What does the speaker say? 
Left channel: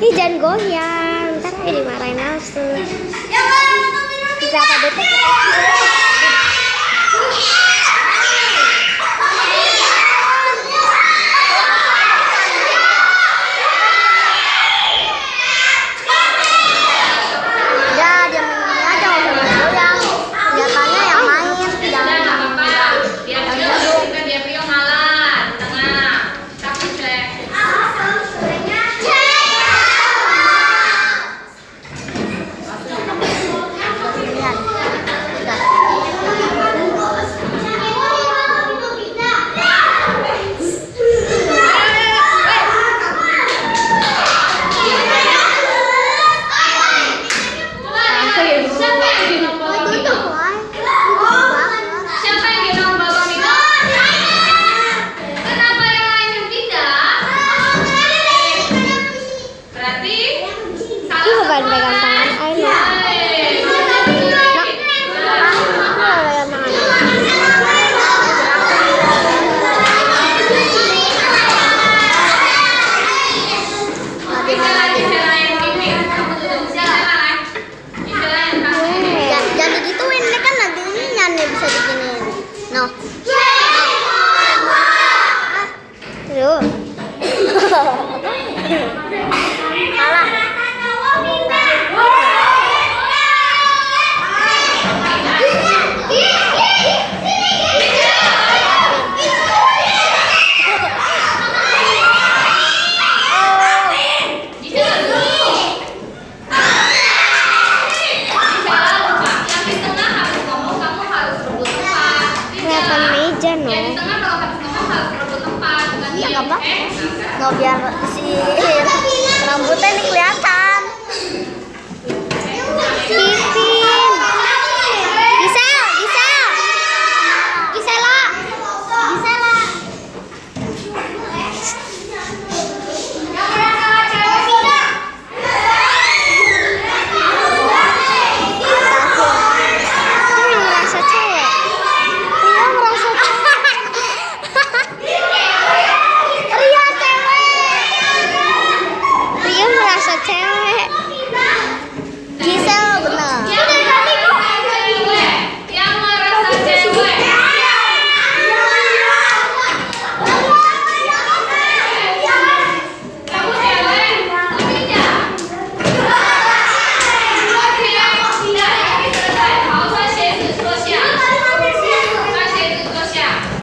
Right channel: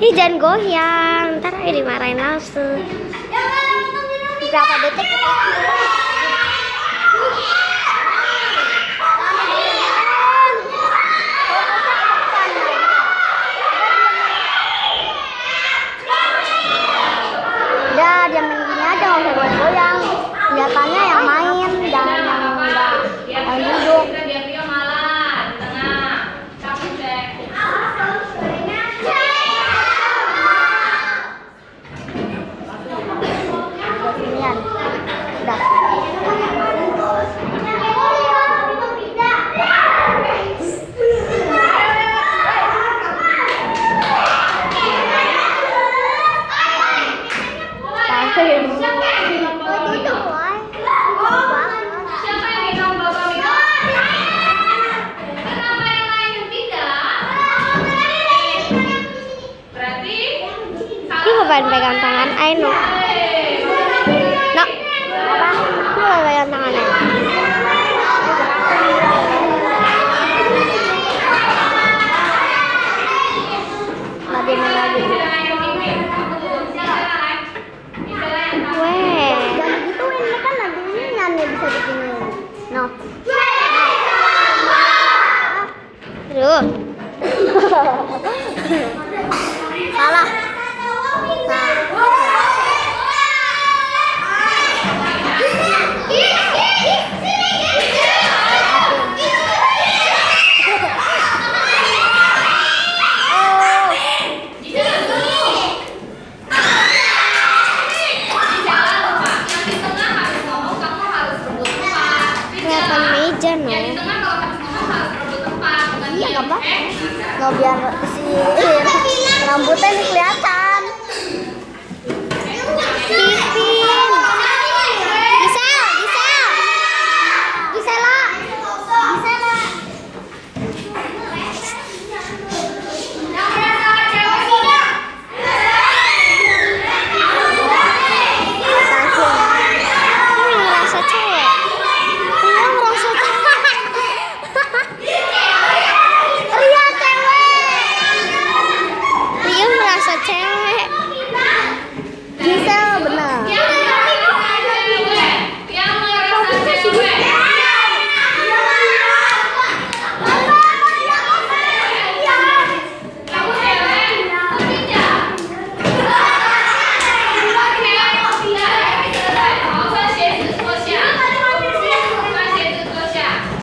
Ih, jangan goyang, ntar aja dimarahin langsung. Berapa detik? Ya, diam gini aja, nggak usah goyang. Kelihatannya yang main, jangan main duduk. Bukan pegang tangan Aino. Nak, aku mau pegang tangan Aino. Jangan digituin, ini kan nanti ini nyanyi bisa diginiin. No. Aduh. Kelihatan meja, no. Iya, nggak apa-apa. No, biar si rambutnya ini kelihatan.